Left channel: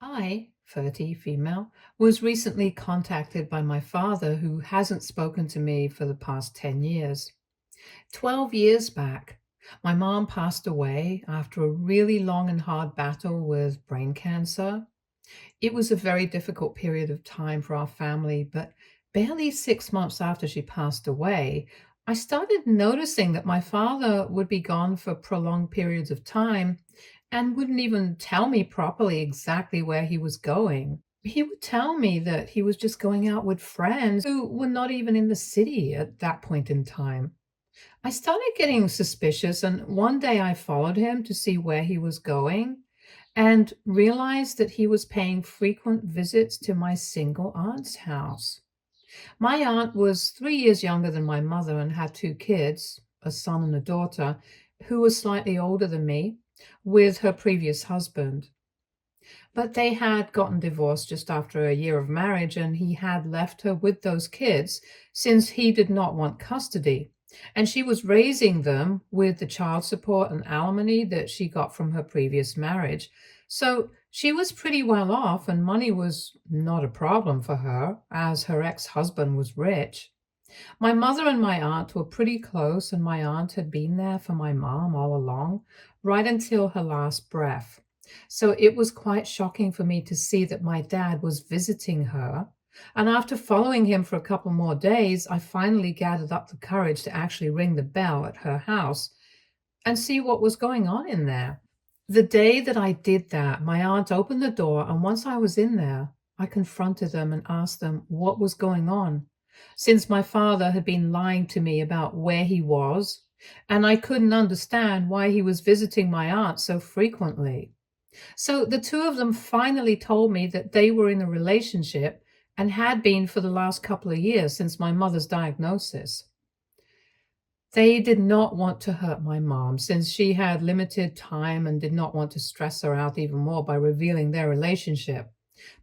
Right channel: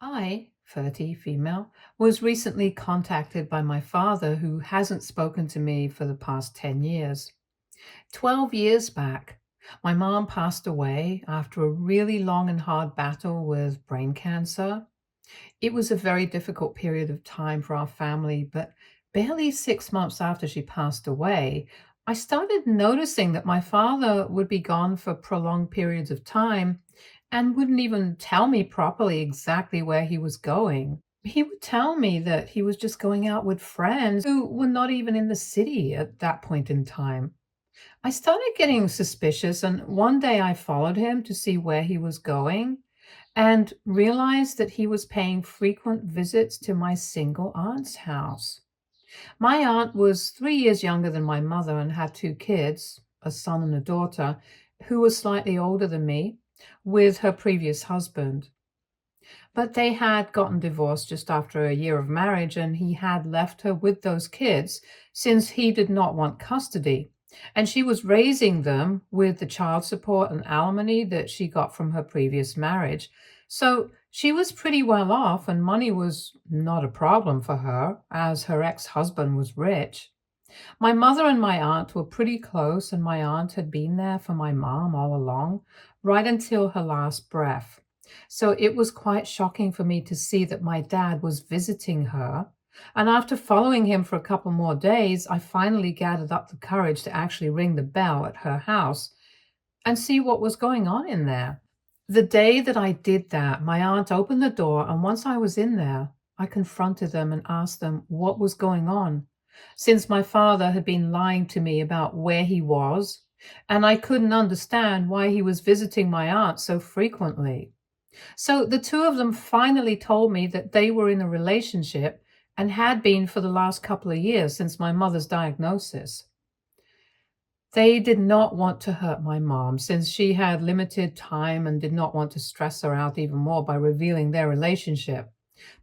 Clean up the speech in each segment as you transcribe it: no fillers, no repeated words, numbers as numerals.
I, 30, female, was recently contacted by my father who hasn't spoken to me for the past 10 years. 12 years back, my mom passed away after a really long and hard battle with brain cancer. It was a very difficult period of time for our family, but barely 6 months after she passed away, I started noticing that my father would be gone for prolonged periods of time and wouldn't even tell me properly exactly where he was going. He would tell me that he was just going out with friends who were not even in the city at that point in time. I started getting suspicious, and one day I followed him to see where he was going and realized that he was paying frequent visits to my single aunt's house. My aunt was 3 years younger than my mother and had two kids, a son and a daughter, who was slightly older than me, with her previous husband. But they had gotten divorced just after a year of marriage, and he had left her with those kids since he did not want custody. And she was raising them with the child support and alimony that she got from her previous marriage. So she was pretty well off, and money was not a problem for her, as her ex husband was rich. My mother and my aunt were pretty close, and my aunt had been there for my mom all along, right until her last breath. So it was quite shocking for me to see that my dad was visiting her. And after following him for a couple more days, I finally gathered up the courage to actually ring the bell at her house and see what was going on in there. The day that I did that, my aunt opened the door, and once I was in there, I confronted them and asked them what was going on, since my father had been lying to me about where he was, and I couldn't understand why he was visiting my aunt so frequently. So the two of them finally told me that they were in a relationship and had been for the last couple of years since my mother's diagnosis. They did not want to hurt my mom since she had limited time and did not want to stress her out even more by revealing their relationship.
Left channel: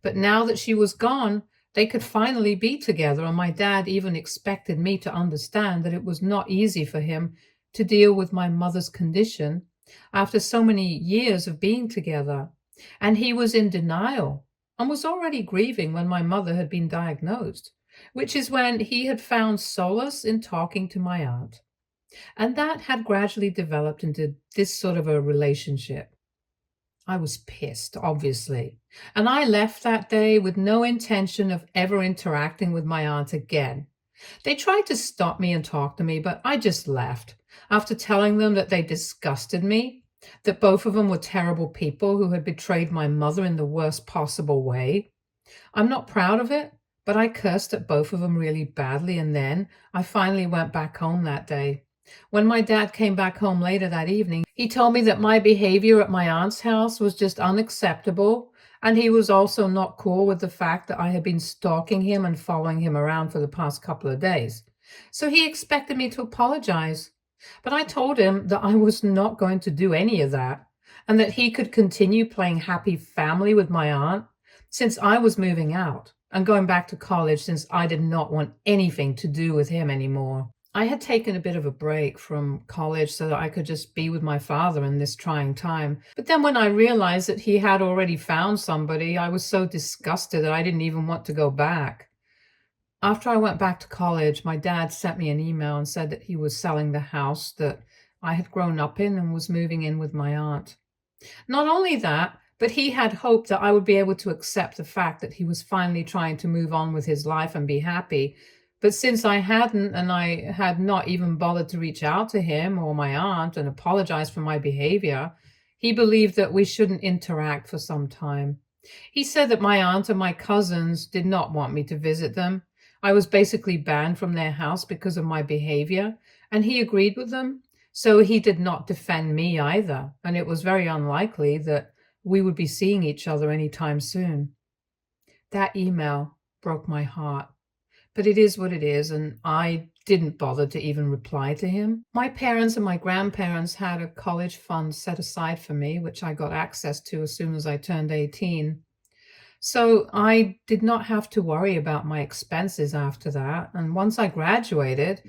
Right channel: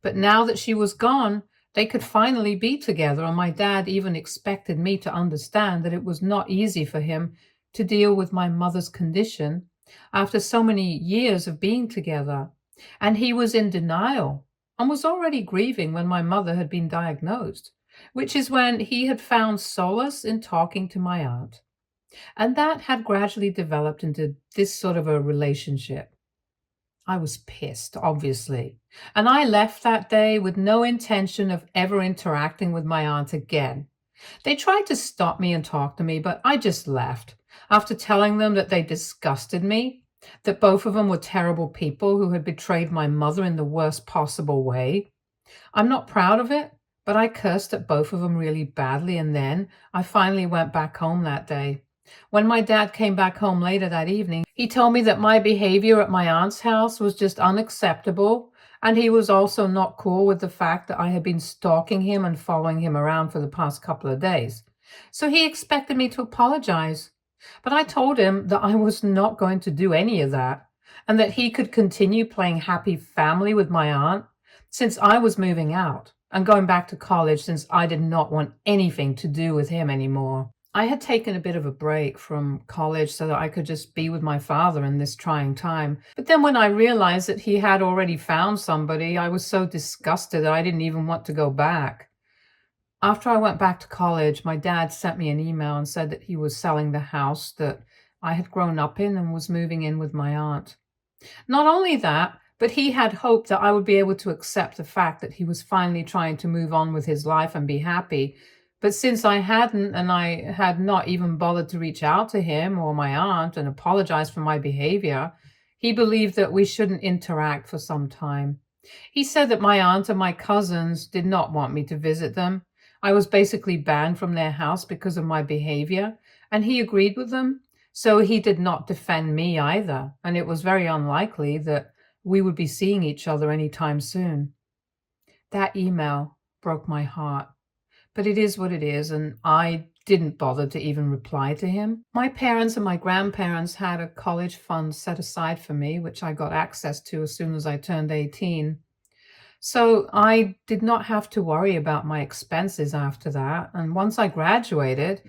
But now that she was gone, they could finally be together, and my dad even expected me to understand that it was not easy for him to deal with my mother's condition after so many years of being together. And he was in denial and was already grieving when my mother had been diagnosed, which is when he had found solace in talking to my aunt. And that had gradually developed into this sort of a relationship. I was pissed, obviously, and I left that day with no intention of ever interacting with my aunt again. They tried to stop me and talk to me, but I just left after telling them that they disgusted me, that both of them were terrible people who had betrayed my mother in the worst possible way. I'm not proud of it, but I cursed at both of them really badly, and then I finally went back home that day. When my dad came back home later that evening, he told me that my behavior at my aunt's house was just unacceptable, and he was also not cool with the fact that I had been stalking him and following him around for the past couple of days. So he expected me to apologize. But I told him that I was not going to do any of that, and that he could continue playing happy family with my aunt since I was moving out and going back to college since I did not want anything to do with him anymore. I had taken a bit of a break from college so that I could just be with my father in this trying time. But then when I realized that he had already found somebody, I was so disgusted that I didn't even want to go back. After I went back to college, my dad sent me an email and said that he was selling the house that I had grown up in and was moving in with my aunt. Not only that, but he had hoped that I would be able to accept the fact that he was finally trying to move on with his life and be happy. But since I hadn't, and I had not even bothered to reach out to him or my aunt and apologize for my behavior, he believed that we shouldn't interact for some time. He said that my aunt and my cousins did not want me to visit them. I was basically banned from their house because of my behavior, and he agreed with them. So he did not defend me either, and it was very unlikely that we would be seeing each other anytime soon. That email broke my heart, but it is what it is, and I didn't bother to even reply to him. My parents and my grandparents had a college fund set aside for me, which I got access to as soon as I turned 18. So I did not have to worry about my expenses after that. And once I graduated,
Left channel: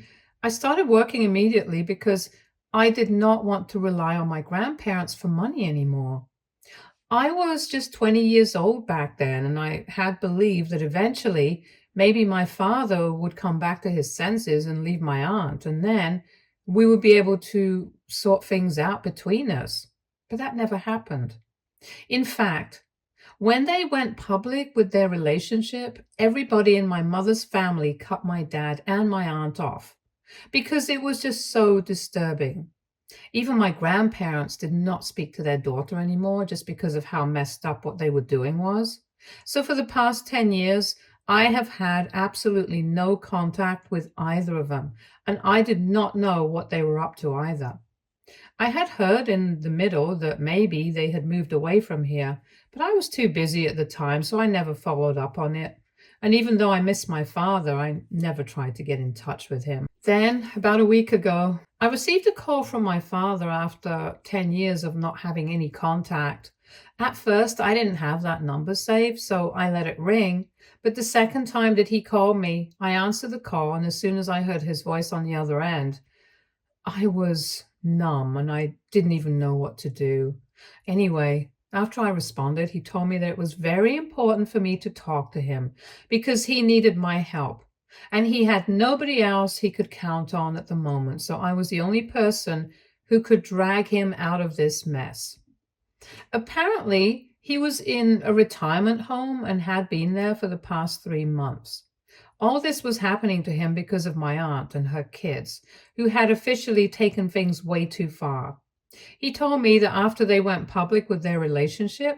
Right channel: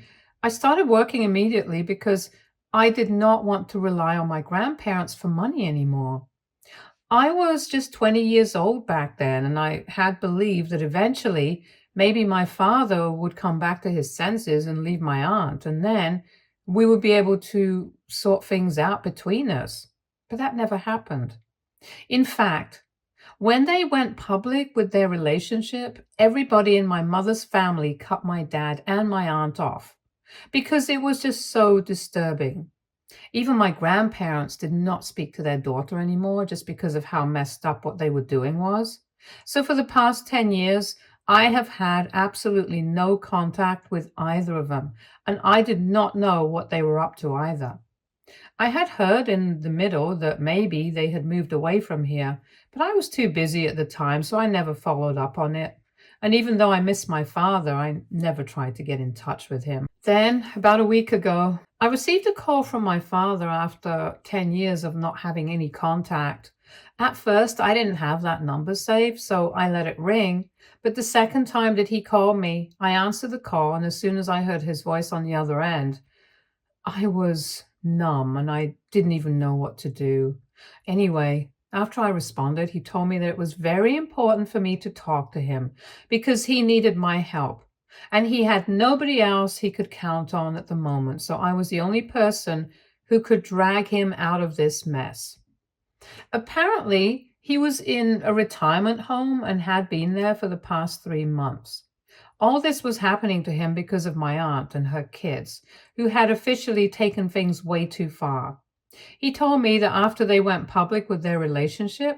I started working immediately because I did not want to rely on my grandparents for money anymore. I was just 20 years old back then, and I had believed that eventually maybe my father would come back to his senses and leave my aunt, and then we would be able to sort things out between us. But that never happened. In fact, when they went public with their relationship, everybody in my mother's family cut my dad and my aunt off because it was just so disturbing. Even my grandparents did not speak to their daughter anymore just because of how messed up what they were doing was. So for the past 10 years, I have had absolutely no contact with either of them, and I did not know what they were up to either. I had heard in the middle that maybe they had moved away from here, but I was too busy at the time, so I never followed up on it. And even though I miss my father, I never tried to get in touch with him. Then, about a week ago, I received a call from my father after 10 years of not having any contact. At first, I didn't have that number saved, so I let it ring. But the second time that he called me, I answered the call, and as soon as I heard his voice on the other end, I was numb and I didn't even know what to do. Anyway, after I responded, he told me that it was very important for me to talk to him because he needed my help. And he had nobody else he could count on at the moment. So I was the only person who could drag him out of this mess. Apparently, he was in a retirement home and had been there for the past 3 months. All this was happening to him because of my aunt and her kids, who had officially taken things way too far. He told me that after they went public with their relationship,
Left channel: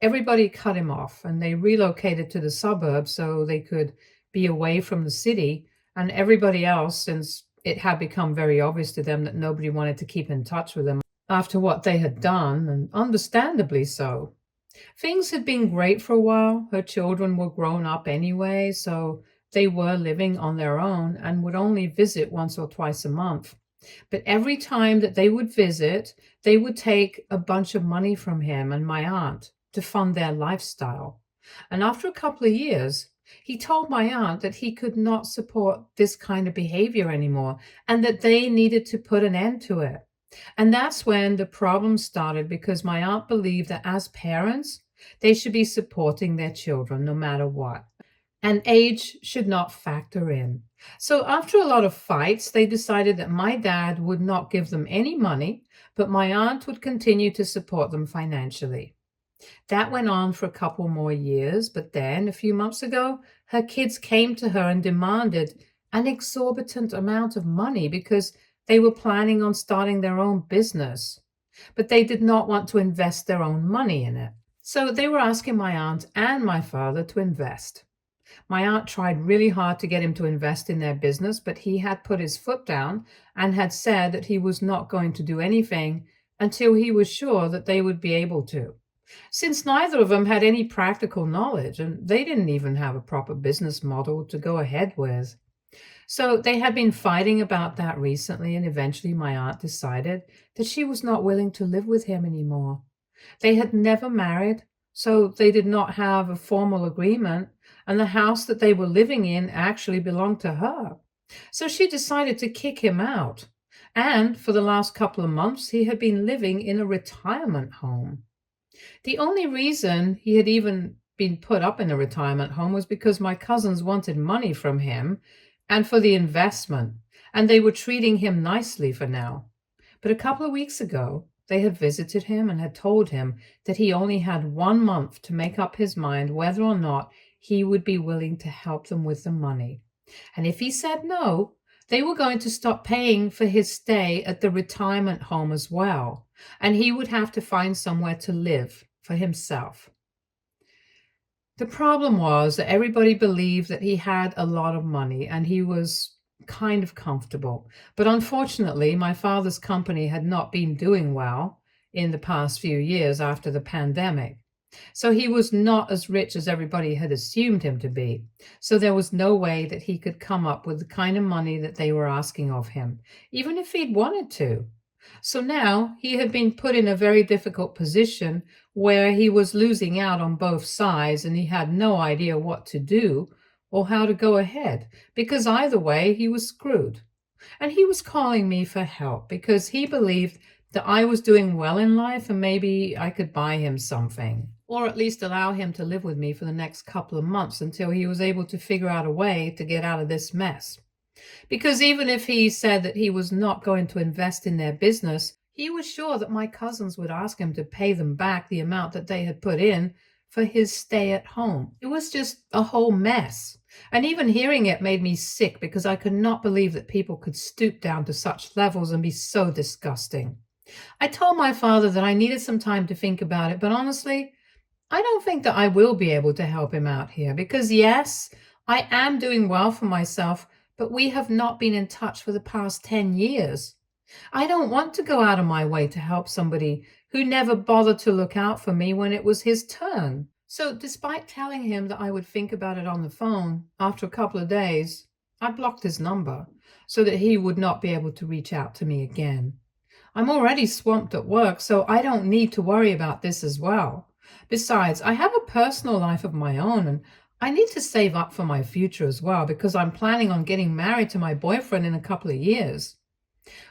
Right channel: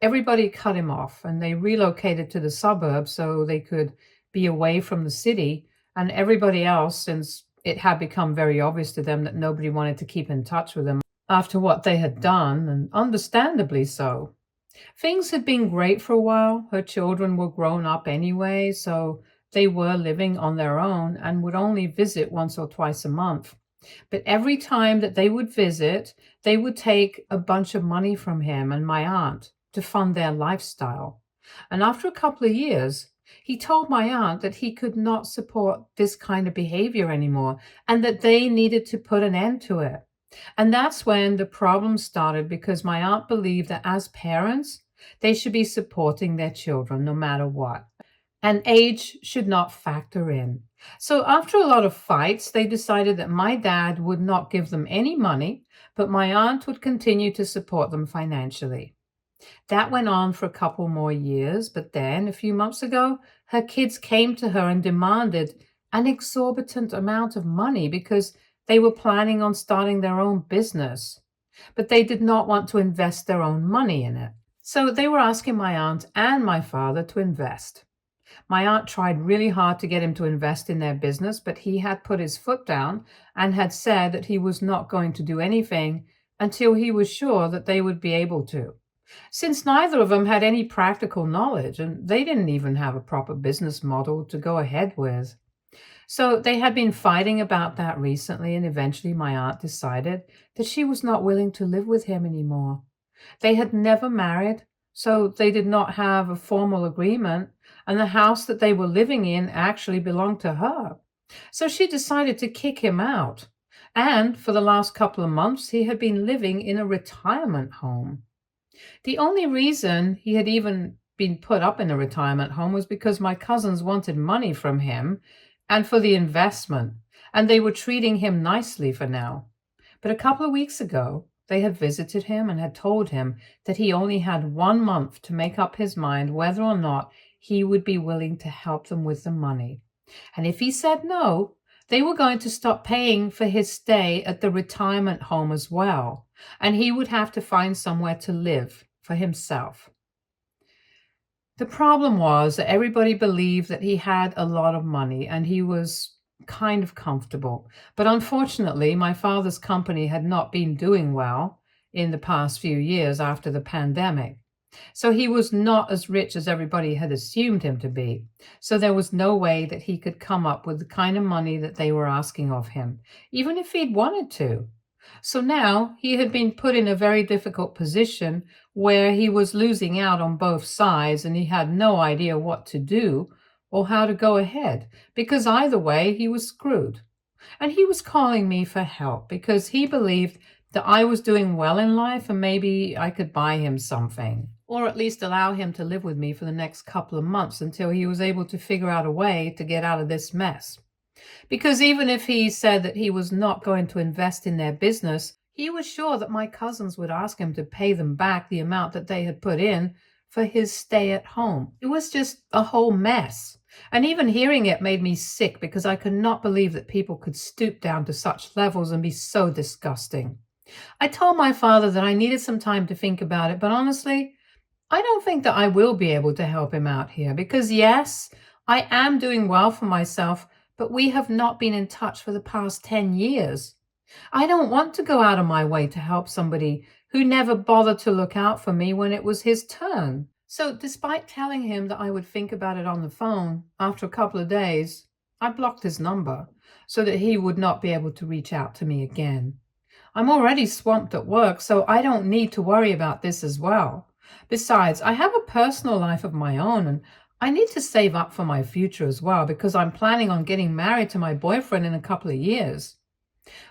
everybody cut him off and they relocated to the suburbs so they could be away from the city. And everybody else, since it had become very obvious to them that nobody wanted to keep in touch with them after what they had done, and understandably so. Things had been great for a while. Her children were grown up anyway, so they were living on their own and would only visit once or twice a month. But every time that they would visit, they would take a bunch of money from him and my aunt to fund their lifestyle. And after a couple of years, he told my aunt that he could not support this kind of behavior anymore and that they needed to put an end to it. And that's when the problem started because my aunt believed that as parents, they should be supporting their children no matter what. And age should not factor in. So after a lot of fights, they decided that my dad would not give them any money, but my aunt would continue to support them financially. That went on for a couple more years, but then a few months ago, her kids came to her and demanded an exorbitant amount of money because they were planning on starting their own business, but they did not want to invest their own money in it. So they were asking my aunt and my father to invest. My aunt tried really hard to get him to invest in their business, but he had put his foot down and had said that he was not going to do anything until he was sure that they would be able to. Since neither of them had any practical knowledge and they didn't even have a proper business model to go ahead with. So they had been fighting about that recently, and eventually my aunt decided that she was not willing to live with him anymore. They had never married, so they did not have a formal agreement, and the house that they were living in actually belonged to her. So she decided to kick him out. And for the last couple of months, he had been living in a retirement home. The only reason he had even been put up in a retirement home was because my cousins wanted money from him and for the investment, and they were treating him nicely for now. But a couple of weeks ago, they had visited him and had told him that he only had 1 month to make up his mind whether or not he would be willing to help them with the money. And if he said no, they were going to stop paying for his stay at the retirement home as well, and he would have to find somewhere to live for himself. The problem was that everybody believed that he had a lot of money and he was kind of comfortable. But unfortunately, my father's company had not been doing well in the past few years after the pandemic. So he was not as rich as everybody had assumed him to be. So there was no way that he could come up with the kind of money that they were asking of him, even if he'd wanted to. So now he had been put in a very difficult position where he was losing out on both sides and he had no idea what to do or how to go ahead because either way he was screwed. And he was calling me for help because he believed that I was doing well in life and maybe I could buy him something, or at least allow him to live with me for the next couple of months until he was able to figure out a way to get out of this mess. Because even if he said that he was not going to invest in their business, he was sure that my cousins would ask him to pay them back the amount that they had put in for his stay at home. It was just a whole mess. And even hearing it made me sick because I could not believe that people could stoop down to such levels and be so disgusting. I told my father that I needed some time to think about it, but honestly, I don't think that I will be able to help him out here because, yes, I am doing well for myself, but we have not been in touch for the past 10 years. I don't want to go out of my way to help somebody who never bothered to look out for me when it was his turn. So, despite telling him that I would think about it on the phone, after a couple of days, I blocked his number so that he would not be able to reach out to me again. I'm already swamped at work, so I don't need to worry about this as well. Besides, I have a personal life of my own and I need to save up for my future as well because I'm planning on getting married to my boyfriend in a couple of years.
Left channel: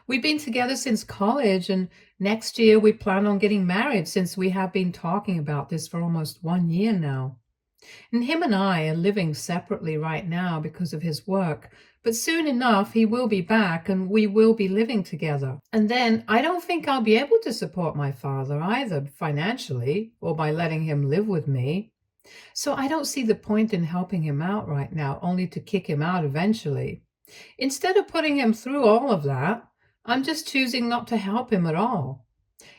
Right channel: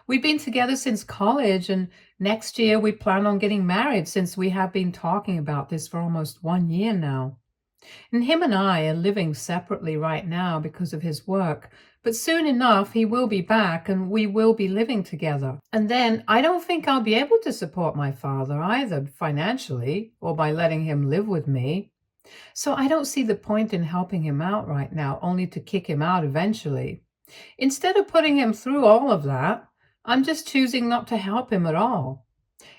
We've been together since college, and next year we plan on getting married since we have been talking about this for almost 1 year now. And him and I are living separately right now because of his work, but soon enough he will be back and we will be living together. And then I don't think I'll be able to support my father either financially or by letting him live with me. So I don't see the point in helping him out right now, only to kick him out eventually. Instead of putting him through all of that, I'm just choosing not to help him at all.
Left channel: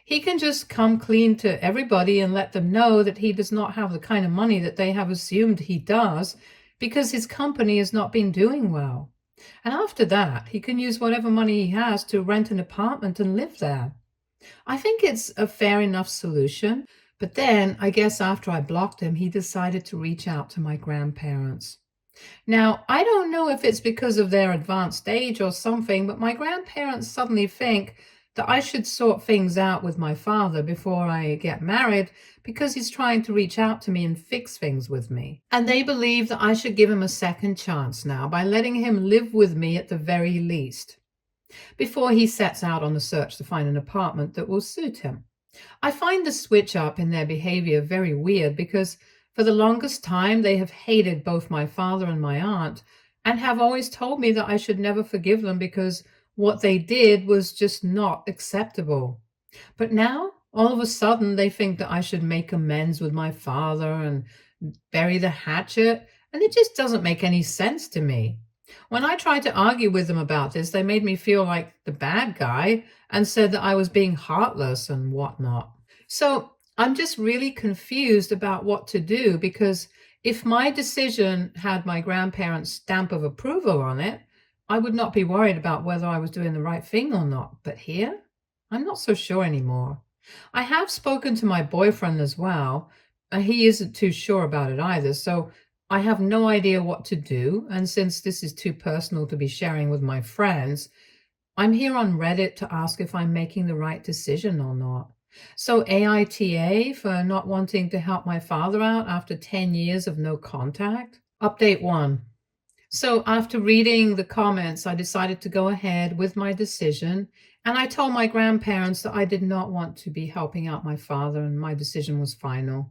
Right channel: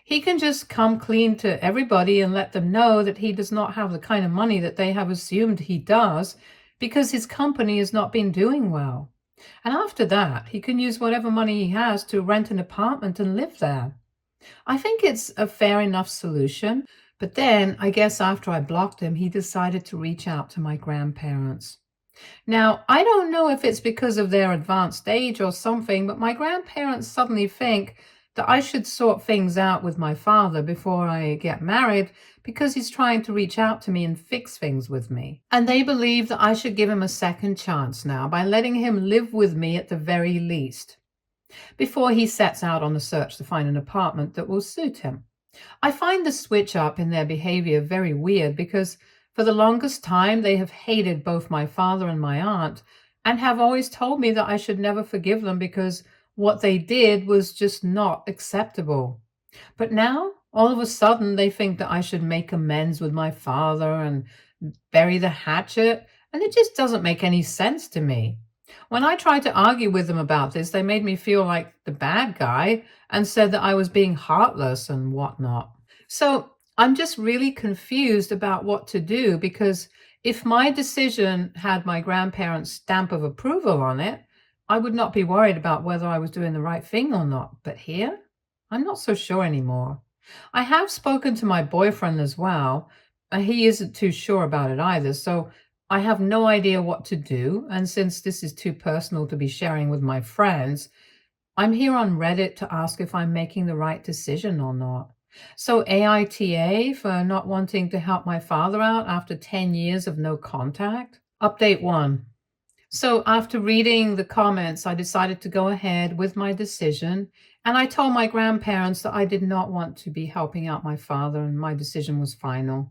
He can just come clean to everybody and let them know that he does not have the kind of money that they have assumed he does because his company has not been doing well. And after that, he can use whatever money he has to rent an apartment and live there. I think it's a fair enough solution, but then I guess after I blocked him, he decided to reach out to my grandparents. Now, I don't know if it's because of their advanced age or something, but my grandparents suddenly think that I should sort things out with my father before I get married because he's trying to reach out to me and fix things with me. And they believe that I should give him a second chance now by letting him live with me at the very least before he sets out on the search to find an apartment that will suit him. I find the switch up in their behavior very weird because for the longest time they have hated both my father and my aunt and have always told me that I should never forgive them because what they did was just not acceptable. But now, all of a sudden, they think that I should make amends with my father and bury the hatchet, and it just doesn't make any sense to me. When I tried to argue with them about this, they made me feel like the bad guy and said that I was being heartless and whatnot. So I'm just really confused about what to do because if my decision had my grandparents' stamp of approval on it, I would not be worried about whether I was doing the right thing or not. But here, I'm not so sure anymore. I have spoken to my boyfriend as well, and he isn't too sure about it either. So I have no idea what to do. And since this is too personal to be sharing with my friends, I'm here on Reddit to ask if I'm making the right decision or not. So AITA for not wanting to help my father out after 10 years of no contact. Update 1. So after reading the comments, I decided to go ahead with my decision, and I told my grandparents that I did not want to be helping out my father, and my decision was final.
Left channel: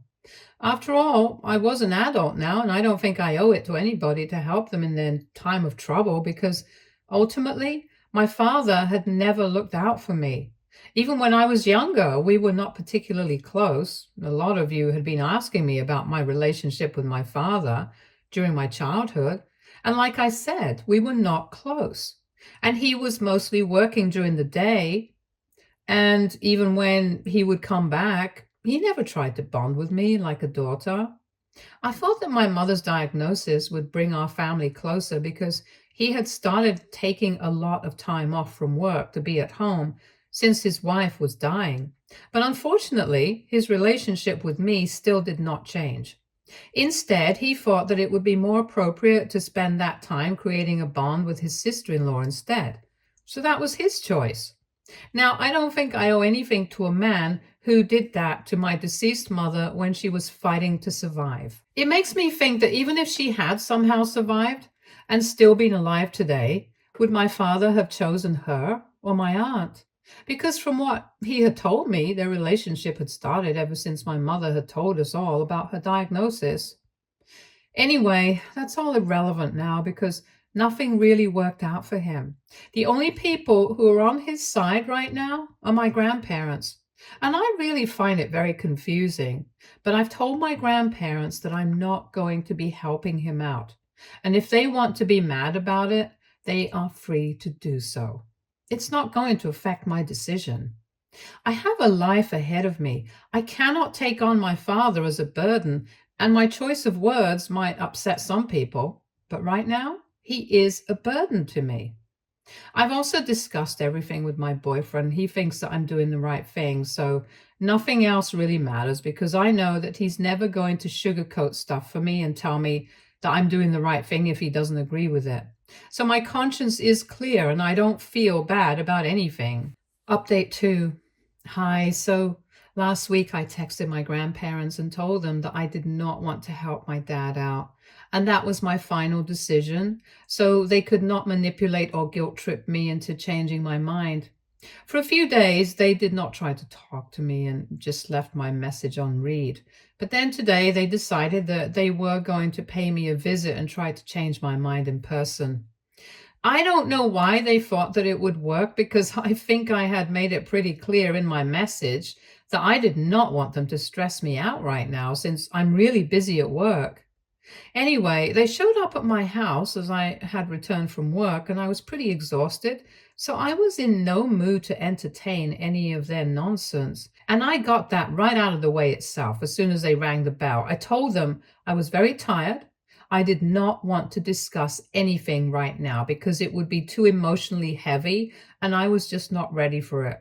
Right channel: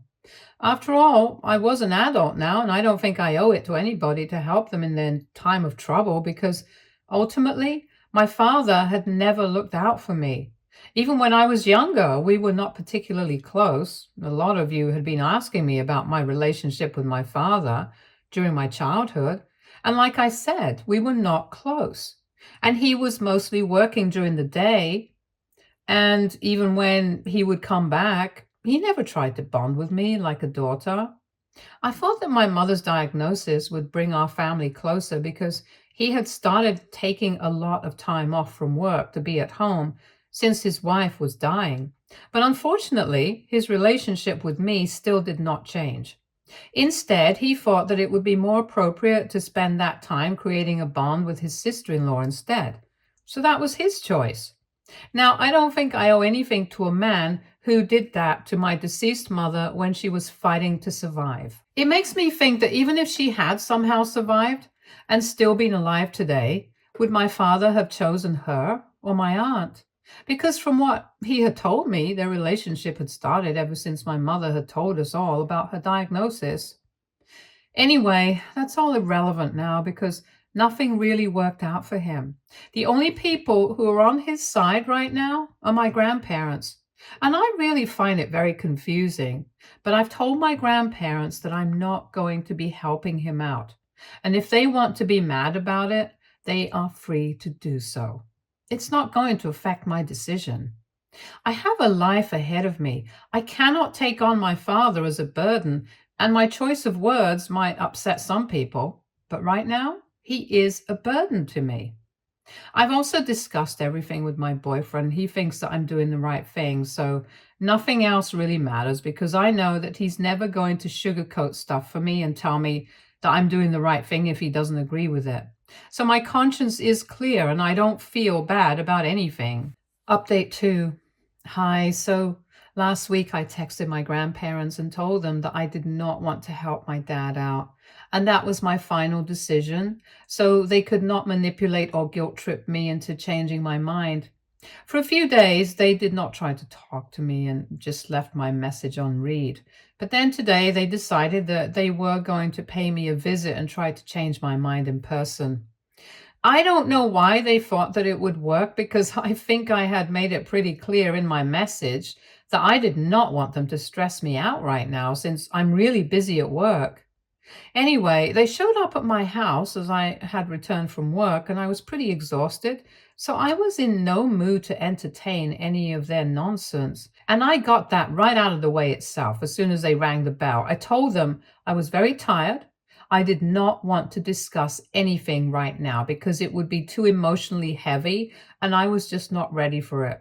After all, I was an adult now, and I don't think I owe it to anybody to help them in their time of trouble because ultimately, my father had never looked out for me. Even when I was younger, we were not particularly close. A lot of you had been asking me about my relationship with my father during my childhood. And like I said, we were not close. And he was mostly working during the day. And even when he would come back, he never tried to bond with me like a daughter. I thought that my mother's diagnosis would bring our family closer because he had started taking a lot of time off from work to be at home since his wife was dying. But unfortunately, his relationship with me still did not change. Instead, he thought that it would be more appropriate to spend that time creating a bond with his sister-in-law instead. So that was his choice. Now, I don't think I owe anything to a man who did that to my deceased mother when she was fighting to survive. It makes me think that even if she had somehow survived and still been alive today, would my father have chosen her or my aunt? Because from what he had told me, their relationship had started ever since my mother had told us all about her diagnosis. Anyway, that's all irrelevant now because nothing really worked out for him. The only people who are on his side right now are my grandparents. And I really find it very confusing. But I've told my grandparents that I'm not going to be helping him out. And if they want to be mad about it, they are free to do so. It's not going to affect my decision. I have a life ahead of me. I cannot take on my father as a burden, and my choice of words might upset some people, but right now, he is a burden to me. I've also discussed everything with my boyfriend. He thinks that I'm doing the right thing, so nothing else really matters because I know that he's never going to sugarcoat stuff for me and tell me that I'm doing the right thing if he doesn't agree with it. So my conscience is clear and I don't feel bad about anything. Update 2. Hi. So last week I texted my grandparents and told them that I did not want to help my dad out. And that was my final decision. So they could not manipulate or guilt trip me into changing my mind. For a few days, they did not try to talk to me and just left my message on read. But then today they decided that they were going to pay me a visit and try to change my mind in person. I don't know why they thought that it would work because I think I had made it pretty clear in my message that I did not want them to stress me out right now since I'm really busy at work. Anyway, they showed up at my house as I had returned from work and I was pretty exhausted, so I was in no mood to entertain any of their nonsense. And I got that right out of the way itself as soon as they rang the bell. I told them I was very tired. I did not want to discuss anything right now because it would be too emotionally heavy and I was just not ready for it.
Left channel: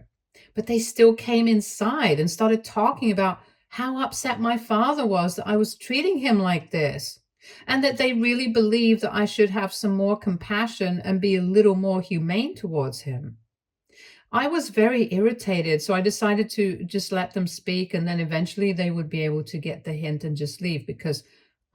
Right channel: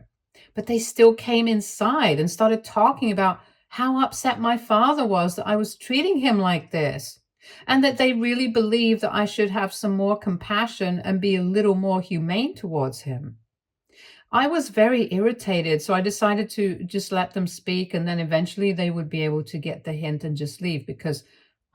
But they still came inside and started talking about how upset my father was that I was treating him like this, and that they really believed that I should have some more compassion and be a little more humane towards him. I was very irritated, so I decided to just let them speak, and then eventually they would be able to get the hint and just leave because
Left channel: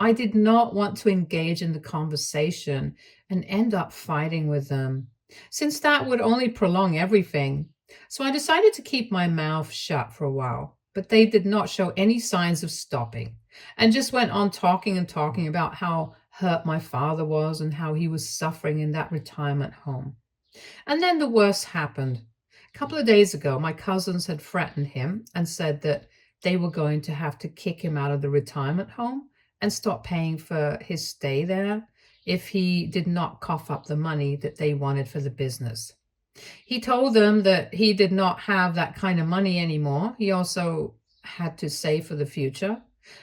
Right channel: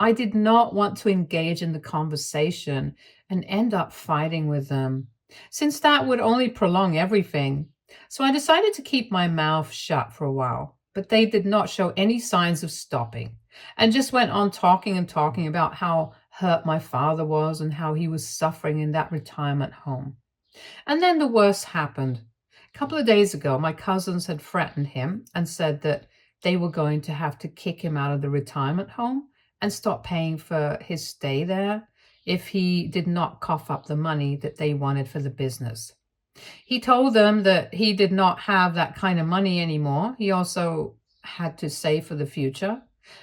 I did not want to engage in the conversation and end up fighting with them, since that would only prolong everything. So I decided to keep my mouth shut for a while, but they did not show any signs of stopping and just went on talking and talking about how hurt my father was and how he was suffering in that retirement home. And then the worst happened. A couple of days ago, my cousins had threatened him and said that they were going to have to kick him out of the retirement home and stop paying for his stay there if he did not cough up the money that they wanted for the business. He told them that he did not have that kind of money anymore. He also had to save for the future,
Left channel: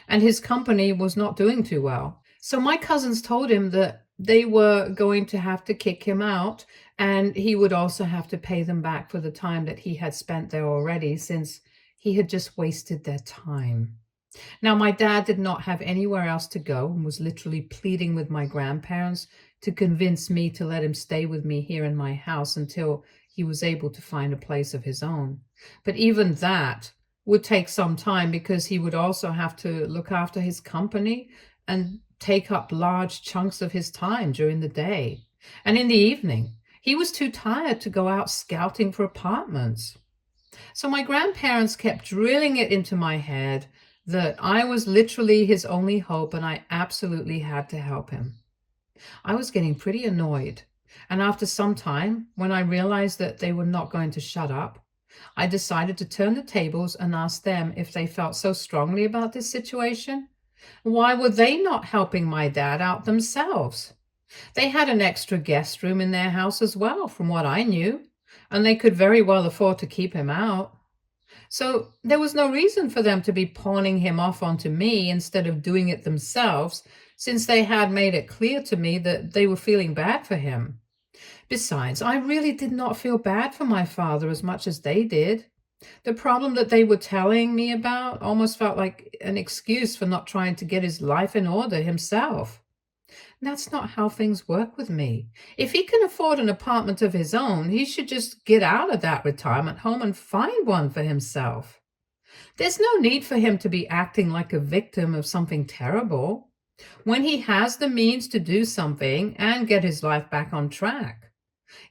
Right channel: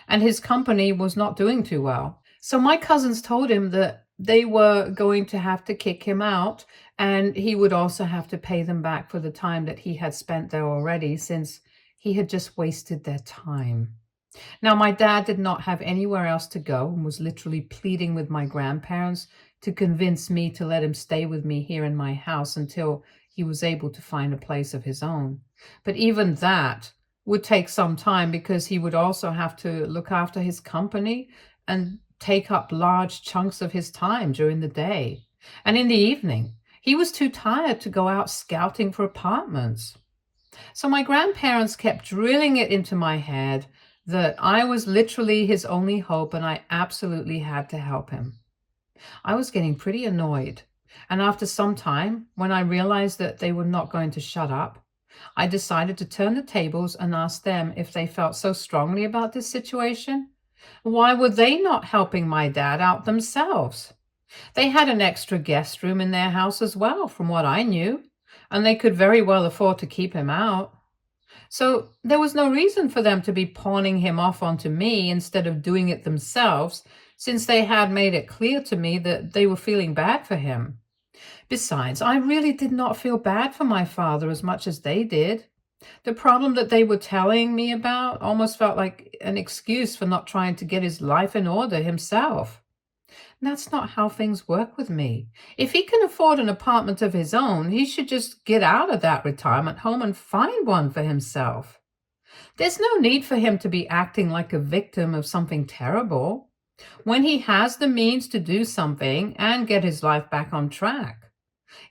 and his company was not doing too well. So my cousins told him that they were going to have to kick him out, and he would also have to pay them back for the time that he had spent there already, since he had just wasted their time. Now, my dad did not have anywhere else to go and was literally pleading with my grandparents to convince me to let him stay with me here in my house until he was able to find a place of his own. But even that would take some time because he would also have to look after his company and take up large chunks of his time during the day. And in the evening, he was too tired to go out scouting for apartments. So my grandparents kept drilling it into my head that I was literally his only hope and I absolutely had to help him. I was getting pretty annoyed. And after some time, when I realized that they were not going to shut up, I decided to turn the tables and ask them if they felt so strongly about this situation. Why were they not helping my dad out themselves? They had an extra guest room in their house as well, from what I knew, and they could very well afford to keep him out. So there was no reason for them to be pawning him off onto me instead of doing it themselves, since they had made it clear to me that they were feeling bad for him. Besides, I really did not feel bad for my father as much as they did. The problem that they were telling me about almost felt like an excuse for not trying to get his life in order himself. That's not how things work with me. If he can afford an apartment of his own, he should just get out of that retirement home and find one for himself. There's no need for him to be acting like a victim of something terrible when he has the means to do something and get his life back on track.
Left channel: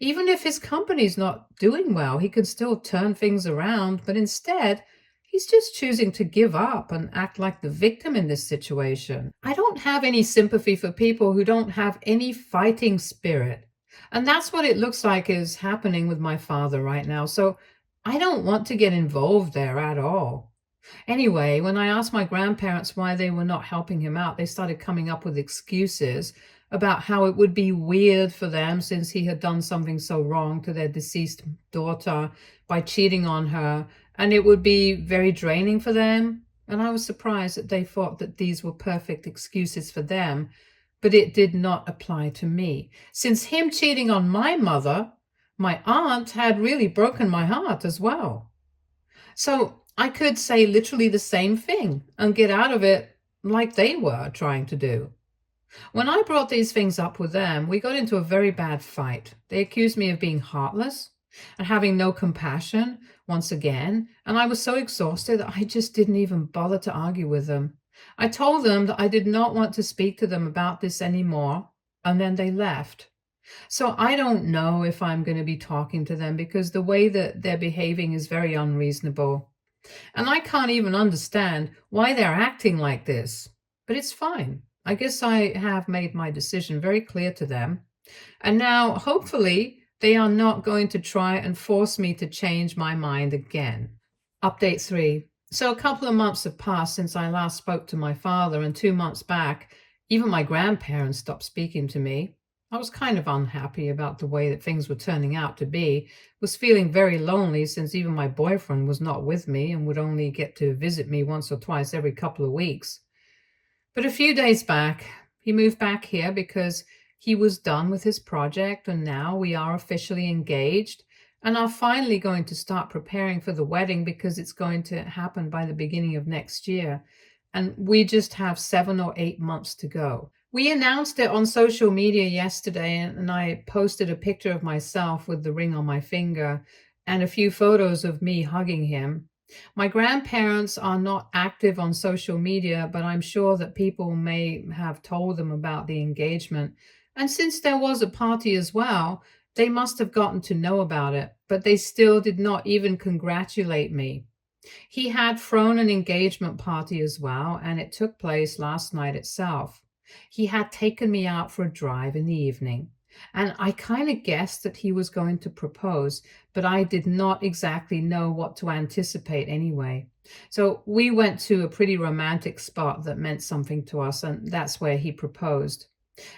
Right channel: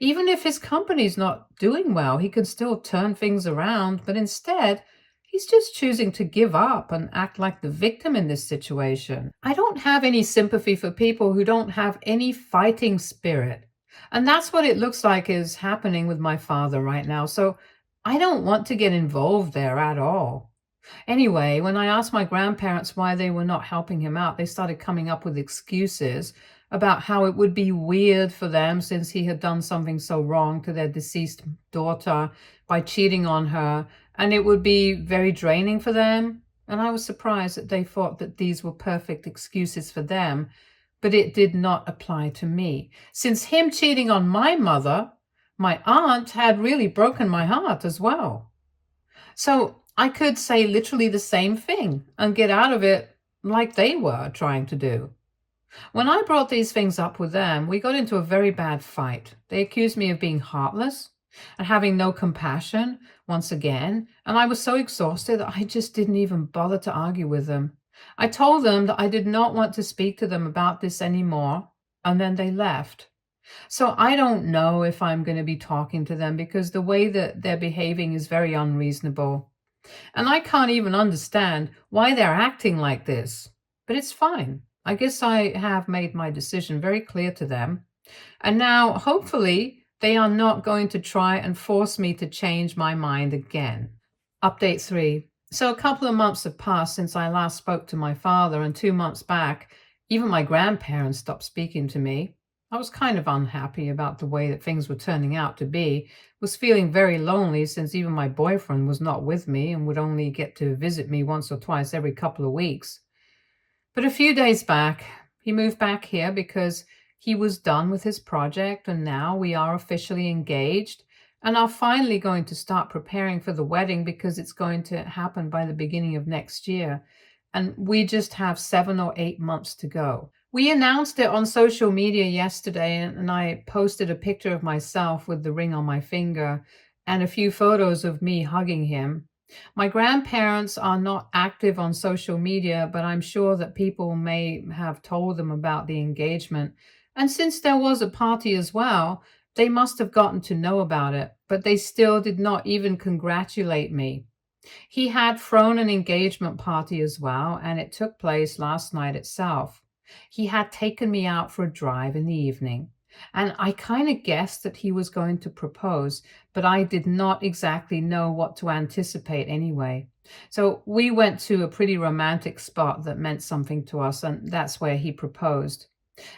Even if his company's not doing well, he can still turn things around, but instead, he's just choosing to give up and act like the victim in this situation. I don't have any sympathy for people who don't have any fighting spirit. And that's what it looks like is happening with my father right now. So I don't want to get involved there at all. Anyway, when I asked my grandparents why they were not helping him out, they started coming up with excuses about how it would be weird for them since he had done something so wrong to their deceased daughter by cheating on her, and it would be very draining for them. And I was surprised that they thought that these were perfect excuses for them, but it did not apply to me. Since him cheating on my mother, my aunt had really broken my heart as well. So I could say literally the same thing and get out of it like they were trying to do. When I brought these things up with them, we got into a very bad fight. They accused me of being heartless and having no compassion once again, and I was so exhausted that I just didn't even bother to argue with them. I told them that I did not want to speak to them about this anymore, and then they left. So I don't know if I'm going to be talking to them because the way that they're behaving is very unreasonable. And I can't even understand why they're acting like this. But it's fine. I guess I have made my decision very clear to them. And now, hopefully, they are not going to try and force me to change my mind again. Update 3. So, a couple of months have passed since I last spoke to my father, and 2 months back, even my grandparents stopped speaking to me. I was kind of unhappy about the way that things were turning out to be, was feeling very lonely since even my boyfriend was not with me and would only get to visit me once or twice every couple of weeks. But a few days back, he moved back here because he was done with his project, and now we are officially engaged and are finally going to start preparing for the wedding because it's going to happen by the beginning of next year. And we just have 7 or 8 months to go. We announced it on social media yesterday, and I posted a picture of myself with the ring on my finger and a few photos of me hugging him. My grandparents are not active on social media, but I'm sure that people may have told them about the engagement. And since there was a party as well, they must have gotten to know about it, but they still did not even congratulate me. He had thrown an engagement party as well, and it took place last night itself. He had taken me out for a drive in the evening, and I kind of guessed that he was going to propose, but I did not exactly know what to anticipate anyway. So we went to a pretty romantic spot that meant something to us, and that's where he proposed.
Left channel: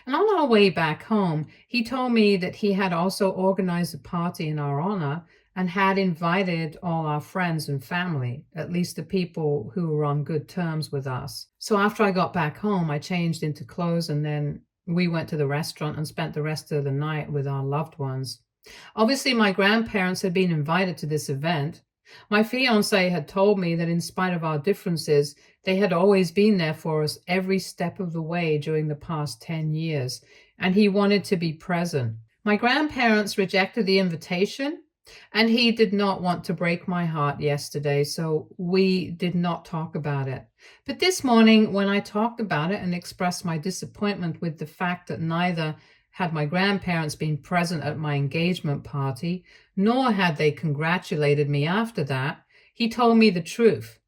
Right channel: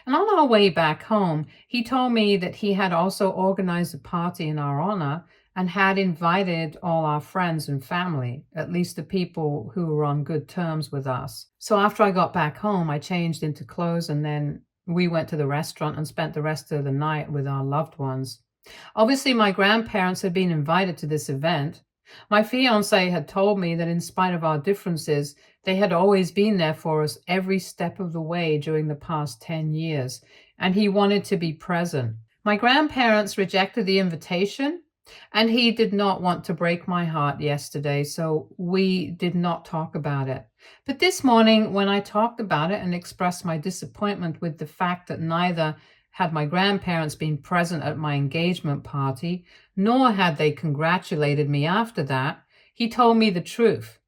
And on our way back home, he told me that he had also organized a party in our honor and had invited all our friends and family, at least the people who were on good terms with us. So after I got back home, I changed into clothes and then we went to the restaurant and spent the rest of the night with our loved ones. Obviously, my grandparents had been invited to this event. My fiance had told me that in spite of our differences, they had always been there for us every step of the way during the past 10 years, and he wanted to be present. My grandparents rejected the invitation, and he did not want to break my heart yesterday, so we did not talk about it. But this morning, when I talked about it and expressed my disappointment with the fact that neither had my grandparents been present at my engagement party, nor had they congratulated me after that, he told me the truth.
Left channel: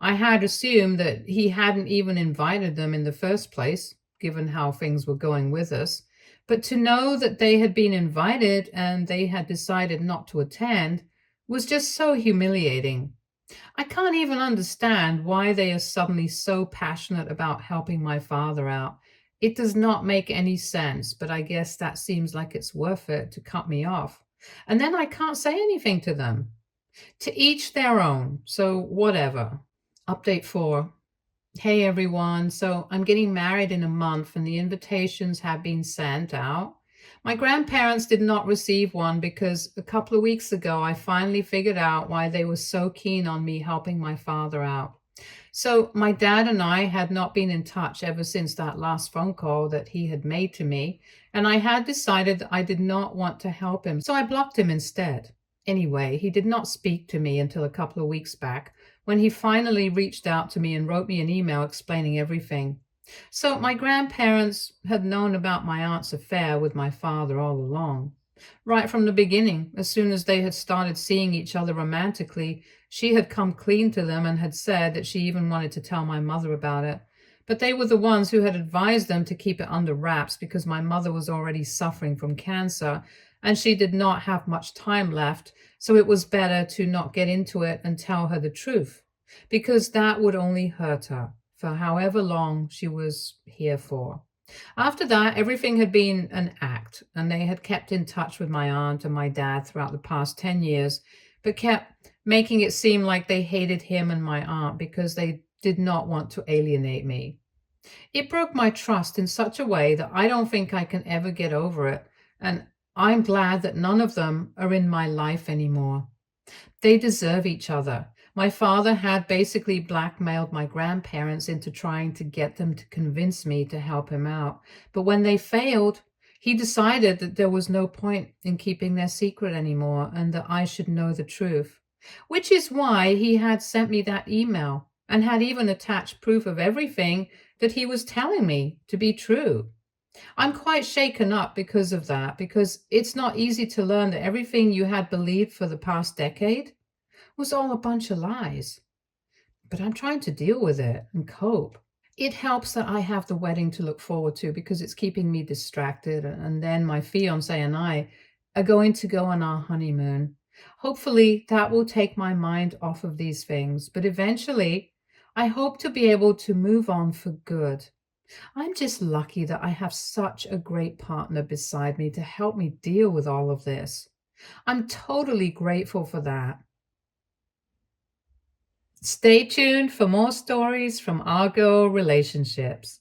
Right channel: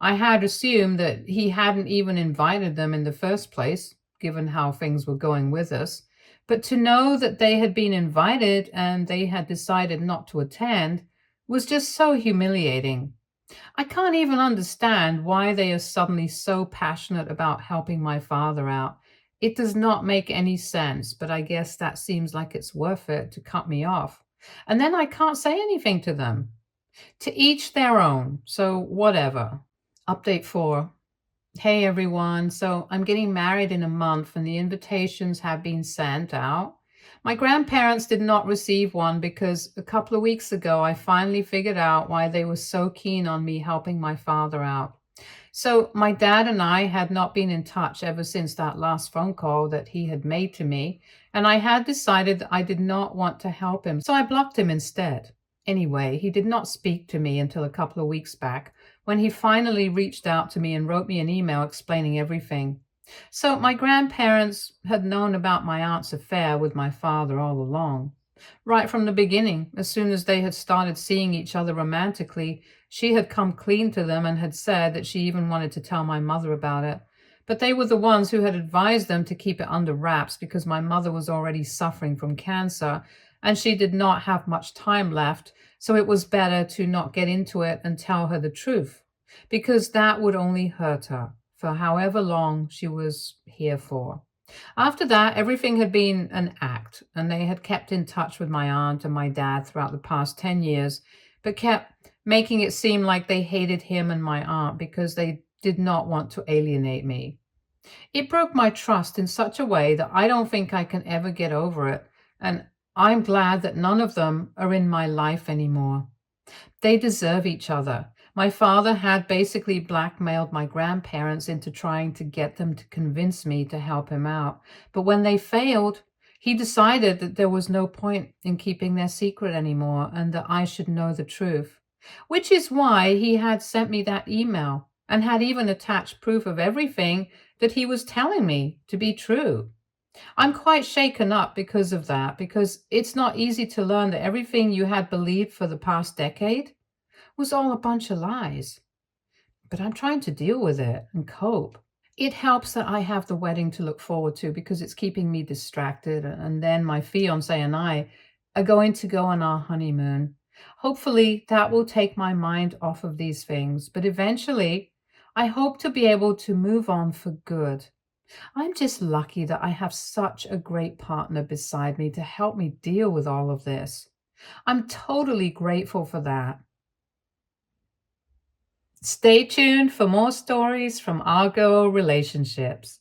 I had assumed that he hadn't even invited them in the first place, given how things were going with us. But to know that they had been invited and they had decided not to attend was just so humiliating. I can't even understand why they are suddenly so passionate about helping my father out. It does not make any sense, but I guess that seems like it's worth it to cut me off. And then I can't say anything to them. To each their own, so whatever. Update 4. Hey everyone, so I'm getting married in a month and the invitations have been sent out. My grandparents did not receive one because a couple of weeks ago I finally figured out why they were so keen on me helping my father out. So my dad and I had not been in touch ever since that last phone call that he had made to me, and I had decided that I did not want to help him, so I blocked him instead. Anyway, he did not speak to me until a couple of weeks back when he finally reached out to me and wrote me an email explaining everything. So my grandparents had known about my aunt's affair with my father all along. Right from the beginning, as soon as they had started seeing each other romantically, she had come clean to them and had said that she even wanted to tell my mother about it. But they were the ones who had advised them to keep it under wraps because my mother was already suffering from cancer and she did not have much time left, so it was better to not get into it and tell her the truth, because that would only hurt her for however long she was here for. After that, everything had been an act, and they had kept in touch with my aunt and my dad throughout the past 10 years, but kept making it seem like they hated him and my aunt because they did not want to alienate me. It broke my trust in such a way that I don't think I can ever get over it, and I'm glad that none of them are in my life anymore. They deserve each other. My father had basically blackmailed my grandparents into trying to get them to convince me to help him out. But when they failed, he decided that there was no point in keeping their secret anymore and that I should know the truth. Which is why he had sent me that email and had even attached proof of everything that he was telling me to be true. I'm quite shaken up because of that, because it's not easy to learn that everything you had believed for the past decade was all a bunch of lies. But I'm trying to deal with it and cope. It helps that I have the wedding to look forward to because it's keeping me distracted. And then my fiance and I are going to go on our honeymoon. Hopefully, that will take my mind off of these things. But eventually, I hope to be able to move on for good. I'm just lucky that I have such a great partner beside me to help me deal with all of this. I'm totally grateful for that. Stay tuned for more stories from Argo Relationships.